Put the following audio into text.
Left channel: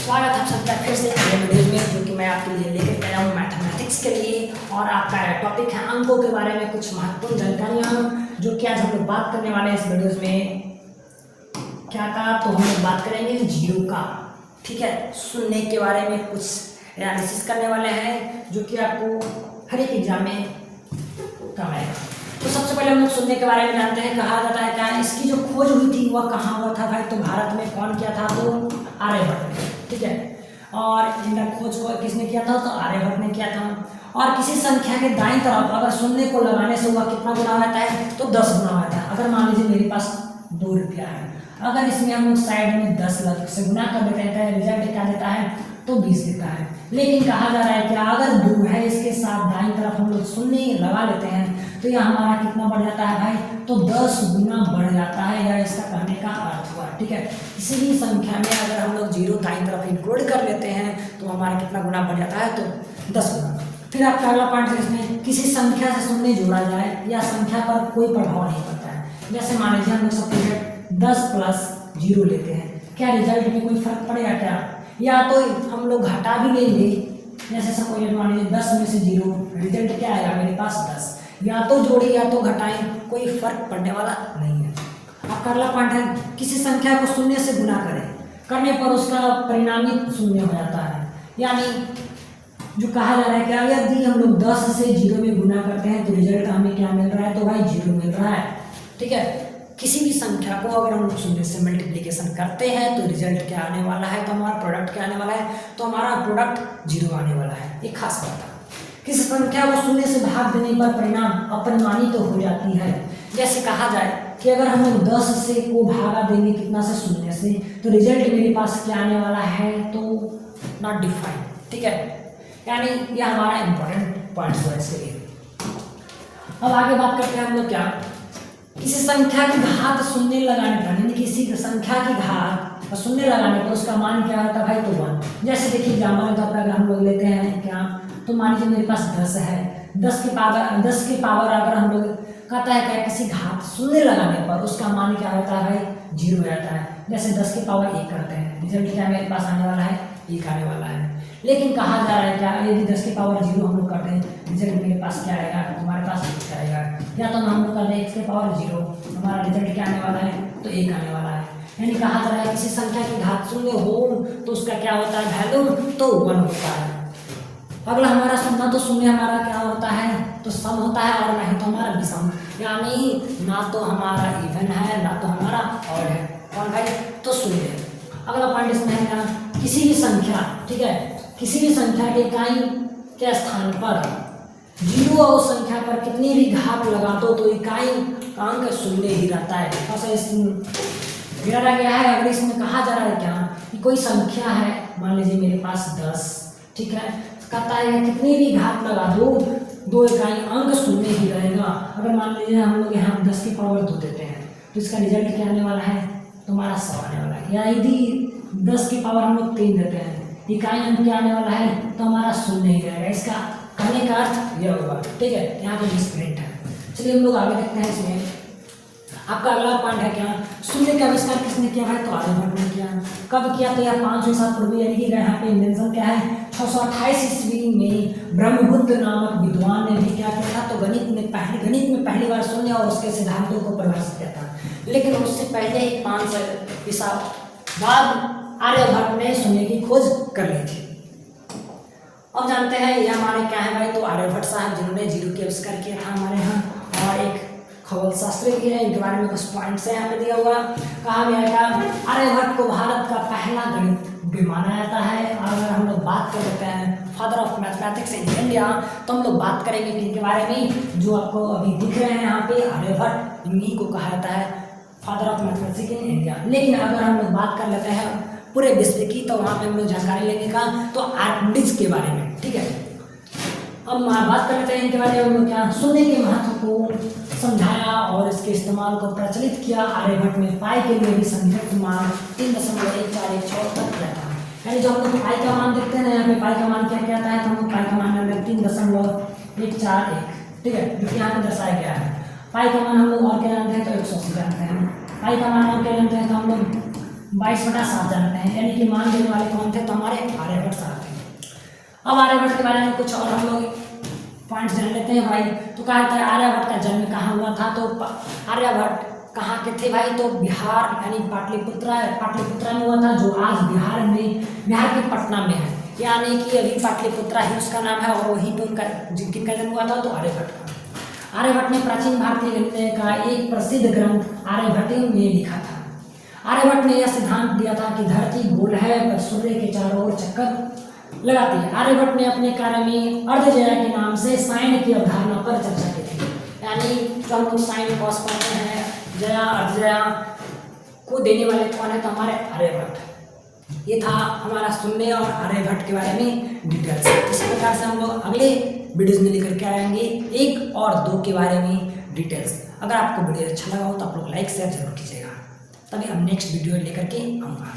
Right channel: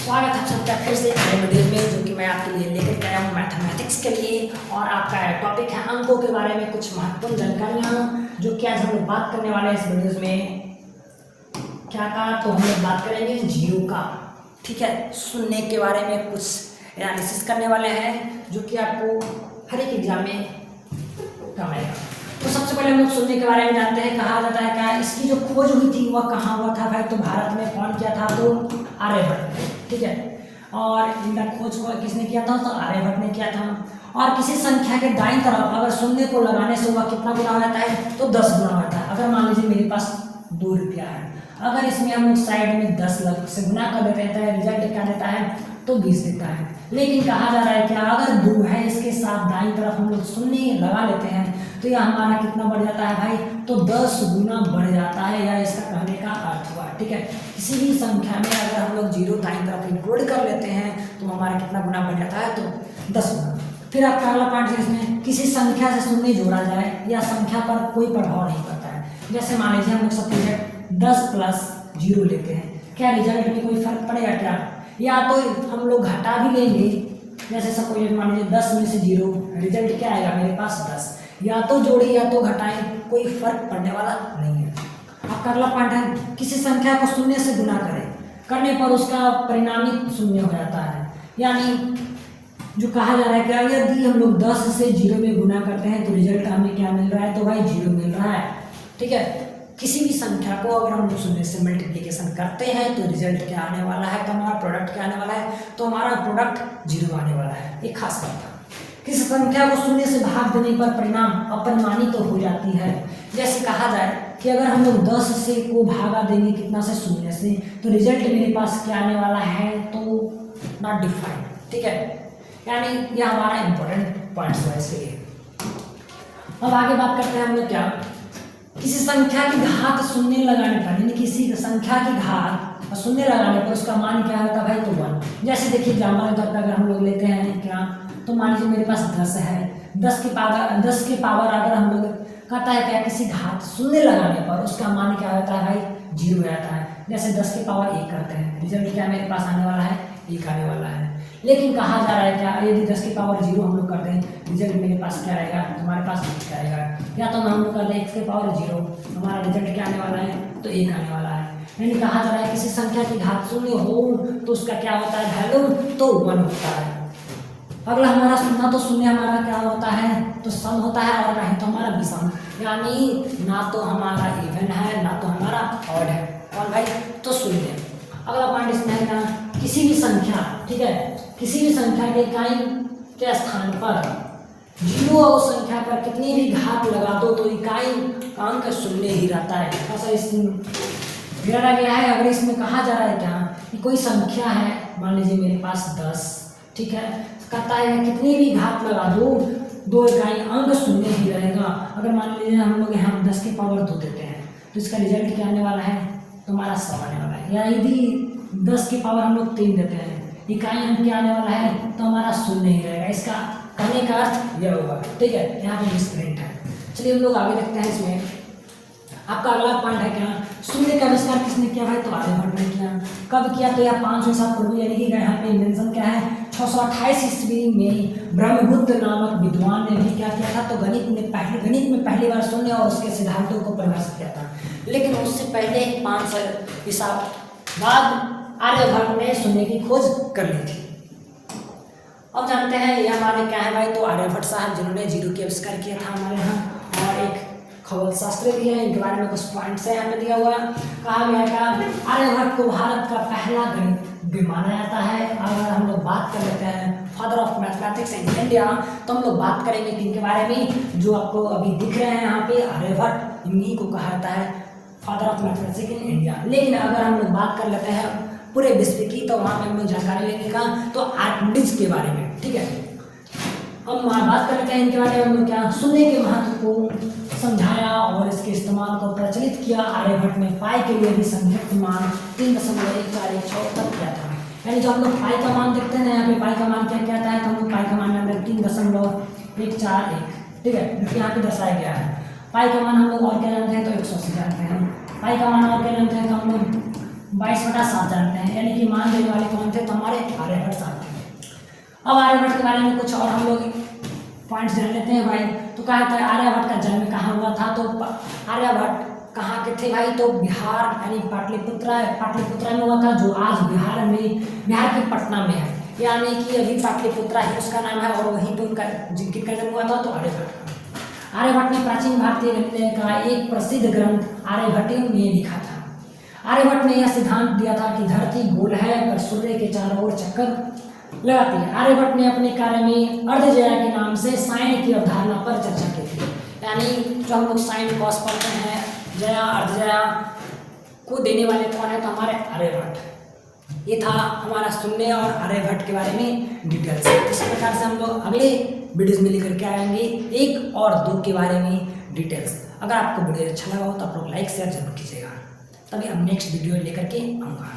स्वागत है आप सबका फिर से एक नए वीडियो में, जो कि मैं आपके लिए लेकर आया हूँ मैथमेटिक्स के लिए। और आपका टॉपिक है अंकों के बारे में कुछ महत्वपूर्ण जानकारियाँ, जो कि आज हम लोग बात करने वाले हैं इस वीडियो में। क्या का तो हम लोग बात करेंगे जीरो का, ठीक है। शून्य के बारे में कुछ एनालिसिस करने वाले हैं, जो कि आपको हर एक एग्जाम में काम आएगा। तो सबसे पहले हम लोग शून्य के बारे में जानते हैं। कहा जाता है क्या इसकी जो खोज हुई थी वह कहाँ हुआ था भाई? तो भारत में कौन किया था? तो आर्यभट्ट, ठीक है। और इनका खोज को किसने किया था? तो आर्यभट्ट ने किया था। और किसी संख्या के दाईं तरफ अगर शून्य को लगाने से वह कितना गुना होता है? तो 10 गुना होता है। अगर मान लीजिए मेरे पास 2 रुपया है, अगर इसमें हम लोग साइड में 10 से गुना कर देते हैं, रिजल्ट क्या देता है? तो 20 देता है। लेकिन कहा जा रहा है कि अगर 2 है, इसके साथ दाईं तरफ हम लोग शून्य लगा लेते हैं, तो यह हमारा कितना बढ़ जाता है भाई? तो 10 गुना बढ़ जाता है। यह इसका कहने का अर्थ हुआ, ठीक है। किसी भी संख्या में अगर हम लोग जीरो दाईं तरफ इंक्लूड कर लेते हैं तो हमारा कितना गुना बढ़ जाता है? तो 10 गुना। फिर आप अगला पॉइंट है, इसमें किसी संख्या से शून्य जोड़ा जाए या संख्या पर कोई प्रभाव नहीं पड़ता है। जैसे मान लीजिए हम लोग सबसे 10 प्लस 0 लेते हैं, क्या रिजल्ट में कोई फर्क पड़ेगा क्या? या तो हम लोग घटा भी लेंगे, जैसे सपोज मान लीजिए 10 में से 0, रिजल्ट क्या आएगा मेरे पास? 10। या तो जोड़िए या तो घटाएं, कोई फर्क पड़ने वाला नहीं है। आपका अगला पॉइंट है, किसी संख्या को शून्य से गुना करने पर उसका परिणामी शून्य हो जाता है। यानी जो कहा जा रहा है कि यदि हम लोग 10 से 0 में गुना करते हैं तो रिजल्ट हमें क्या मिल रहा है? तो भाई 0 मिल रहा है, ठीक है। किसी भी संख्या को अगर हम लोग शून्य से मल्टीप्लिकेशन करते हैं तो रिजल्ट क्या आने वाला है? तो हमारा प्रोडक्ट क्या आने वाला है? तो हमारा प्रोडक्ट 0 आने वाला है। एक खास बात है, किसी संख्या को शून्य से भाग देने पर परिणाम अपरिमाणी तो हो जाती है। जैसे कहा जाए कि अगर हम लोग 10 से को भागा देंगे कितना से? शून्य से, तो रिजल्ट मेरे पास क्या आने वाला है? तो नॉट डिफाइंड, ठीक है। यानी ये हमारा इंपॉर्टेंट पॉइंट है इसके लिए। अब आगे बात करते हैं हम लोग क्या, किसी संख्या की घात शून्य लगाने पर, यानी किसी संख्या की घात शून्य लगाने पर उसका मान क्या होता है भाई? तो 1। जैसे देखिए एग्जाम्पल के अगर हम लोग लेते हैं क्या, तो मान लीजिए मेरे पास 10 है, 10 के पावर अगर हम लोग कहता है क्या किसी घात शून्य लगाने पर उसका मान क्या होता है भाई? 0 रहता है। जैसे 10 की पावर 1 करते हैं, रिजल्ट क्या मेरे पास आने वाला है? 1 आने वाला है। लेकिन कहा जा रहा है क्या, यदि 10 की पावर 0 हम लोग कर दें, रिजल्ट मेरे पास क्या आएगा? तुम्हारे पास 1 आएगा। या तो हम लोग कर दें x की पावर 0, हमारा रिजल्ट क्या आने वाला है? तो 1 आने वाला है। यानी कहा जा रहा है किसी संख्या की घात शून्य हो तो उसका क्या होता है वैल्यू? तो 1 होता है। अगला हमारा ना तो शून्य हमारा क्या होता है? तो सम होता है, और ना ही तो हमारा विषम। यानी ना तो हमारा इवन है ना तो हमारा ऑड है। और भाई तो शून्य। अगला पॉइंट इसमें है क्या, किसी भी संख्या, ठीक है, किसी भी संख्या के इकाई के स्थान पर 0 और उस संख्या पर कितनी भी घात लगा दो तो इकाई अंक शून्य ही रहता है। ऐसा इसमें दिया गया है। अगर इसमें कहा जा रहा है क्या कि कोई संख्या है, मान लीजिए मेरे पास 10, ठीक है, कहता है कितनी भी घात लगा दो, 2 इकाई अंक शून्य ही रहेगा। अगर मान लीजिए हम लोग यहाँ 10 की पावर 2 देते हैं तो इसका रिजल्ट क्या आने वाला है? तुम्हारा 100 आने वाला है। या यदि 10 की पावर हम लोग 3 देते हैं, इकाई अंक क्या आने वाला है? तो हमारा शून्य ही रहेगा। इसका कहने का अर्थ यह होगा, ठीक है। यहाँ पर मिसप्रिंट है। चलिए हम लोग आगे देखते हैं। इसमें आपका अगला पॉइंट है क्या, शून्य का आविष्कार किसने किया है? तो आर्यभट्ट ने किया। कब किया? तो यह 500 साल पूर्व, यानी कि यहाँ पे इन्वेंशन क्या है? 628 ईस्वी में ब्रह्मगुप्त नामक विद्वान ने भी क्या किया था? तो गणित में पहली बार शून्य और उसके सिद्धांतों को परिभाषित किया था। लेकिन उससे पहले ही 500 ईसा बाद आर्यभट्ट ने शून्य की खोज कर ली थी। अब जानते हैं ये हमारे क्या है भाई? तो आर्यभट्ट साहब जिन्होंने 0 के आविष्कार किया था हमारे यहाँ। और एक खगोल शास्त्री भी है, इनके बारे में कुछ पॉइंट्स है यहाँ पे दिया हुआ। कहा गया क्या, आर्यभट्ट को भारत का पहला गणितज्ञ माना जाता है। अगर हम लोग बात कर लेते हैं father of mathematics in India, तो हम लोग बात करेंगे इनके बारे में, जो आपको अभी दिख रहे हैं यहाँ पे आर्यभट्ट, इन्हीं को कहा जाता है father of mathematics in India. लेकिन अगर हम लोग बात कर लेते हैं पूरे विश्व की, तो वहाँ पे हम लोग जानकारी लेने का तो आर्किमिडीज के बारे में, ठीक है। हम बात करते हैं इनके बारे में, हम लोग क्या शून्य के महत्व को समझाया और इसके इस्तेमाल को प्रचलित किया। आर्यभट्ट ने पाई के लिए भी संयुक्त मान 3.1416 तक किया था। यानी जो हम लोग पाई का मान देखते हैं ना, यहाँ पे पाई का मान क्या कहता है? तो हम लोग पाई का मान 3.141, ठीक है, जो कि यहाँ पे दर्शाया गया है। पाई का मान हम लोग और क्या जानते हैं? तो 180 जानते हैं। पाई का मान और क्या जानते हैं? तो हम लोग 22/7 जानते हैं, यानी कि मान देने वाले कौन थे? तो हमारे आर्यभट्ट साहब थे। अब आर्यभट्ट के बारे में कुछ और हम लोग पॉइंट्स जान लेते हैं भाई। तो कहा था आर्यभट्ट का जन्म कहाँ हुआ था? तो आर्यभट्ट कहाँ के थे भाई? तो बिहार यानी पाटलिपुत्रा में हुआ था, जो आज बिहार की पटना में है, यानी कि अभी पाटलिपुत्रा है उसका नाम है, और वहीं पर उनका जिनका जन्म हुआ था तो आर्यभट्ट का। आर्यभट्ट ने प्राचीन भारतीय गणित का एक प्रसिद्ध ग्रंथ आर्यभट्टियम में लिखा था। आर्यभट्ट ने यह सिद्धांत दिया था कि धरती गोल है पर सूर्य के चारों ओर चक्कर लगाती है। आर्यभट्ट ने अपने कार्य में अर्धजया के नाम से साइन की अवधारणा पर चर्चा की थी, यानी जो हम लोग साइन कॉस पढ़ते हैं, जया अर्धजया को देने वाले कौन है? तो हमारे आर्यभट्ट। ये था हमारा शून्य और आर्यभट्ट के बारे में डिटेल्स। इस प्रकार से हम लोग अगले वीडियोज में लेकर के आएंगे 1 और 2 के बारे में डिटेल्स। अगर आपको वीडियो अच्छा लगा हो तो आप लोग लाइक शेयर जरूर कीजिएगा, तभी हम नेक्स्ट वीडियो लेकर के आऊँगा।